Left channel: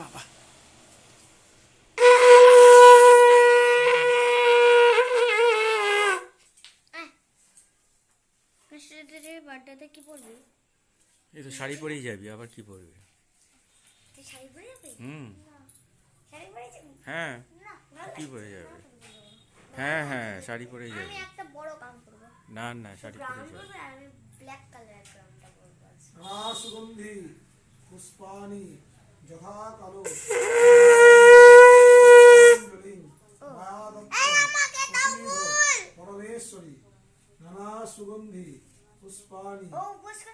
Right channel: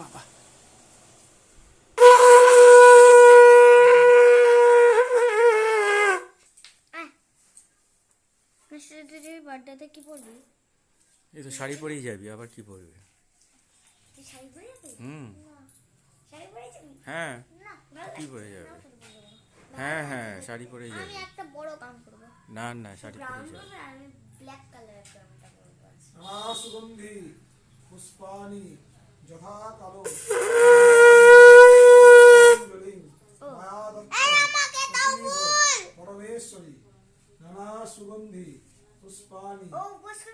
বাবা বার্থডেতে কি পরবি? এই তো শাড়ি পরেই যাবি, আবার কি পরবি? তুই শাড়ি পরে যাবি? শাড়ি পরে যাবি? হ্যাঁ, না কি পরে যাবে? হ্যাঁ হ্যাঁ, শাড়ি পরেই যাবি। আমি একটা বড় কাম করব। না না, শাড়ি পরেই যাবি। আমি ব্ল্যাক কালারের কামটা করব। সুগন্ধি পুষ্পানি যথা কালো পরমেশ্বরী নানা সুগন্ধি পুষ্পানি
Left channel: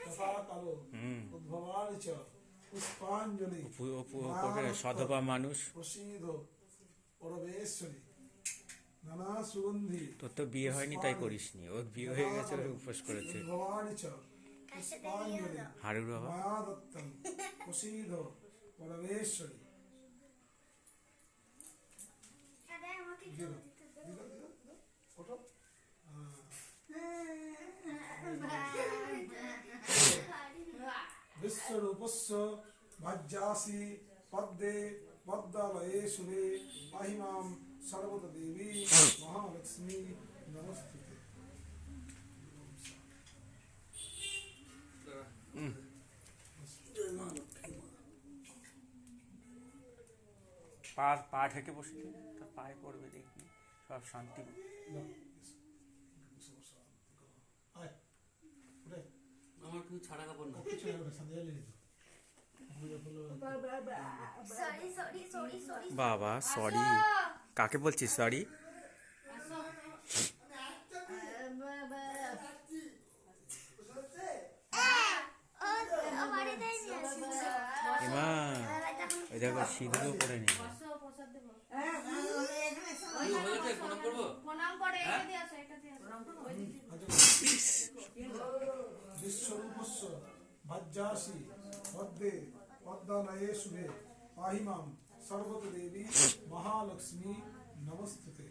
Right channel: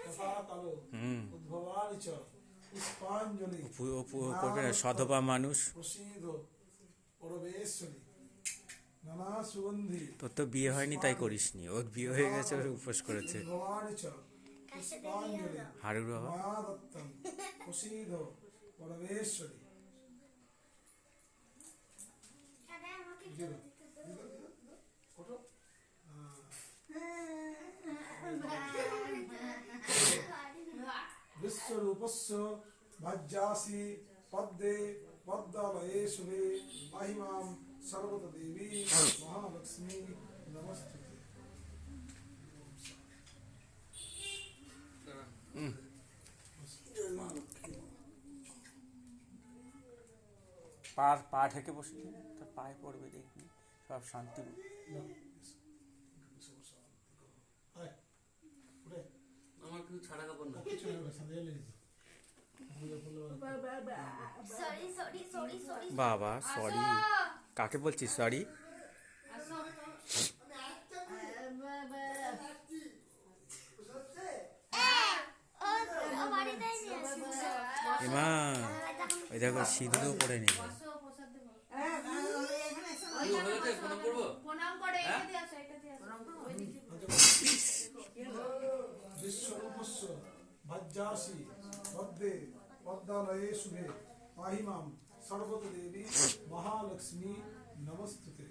যথা কালো উদ্ভবানি চ পুষ্পাঞ্জলি সধবা মানুষ। প্রসিদ্ধ পরমেশ্বরী নানা সুগন্ধি। তোর তো বিয়ে হয়নি তাই করিসনি, ওর বিয়ে হয়ে গেছে, ওর উপোস করেছে। উদ্ভবানি চ পুষ্পাঞ্জলি হারুর বাবা মায়া দত্তম প্রসিদ্ধ পরমেশ্বরী। বিশ্বরূপস্য ভাজ্যাসি পদ্মে পদ্মালয়ে শুভে আহিমাম সর্বত দেবী মহালক্ষ্মী নমস্তুতে। পা ঢেকে বসে তার পায়ে পড়বে, দেখবি সব শান্তি। আমার কিছু ছাড়া কাপড় না। বাবা সরি, কাকে বলছিস সরি? এমা ওই দেখো সিঁদুরও পরে নিল। বিশ্বরূপস্য ভাজ্যাসি পদ্মে পদ্মালয়ে শুভে আহিমাম সর্বত দেবী মহালক্ষ্মী নমস্তুতে।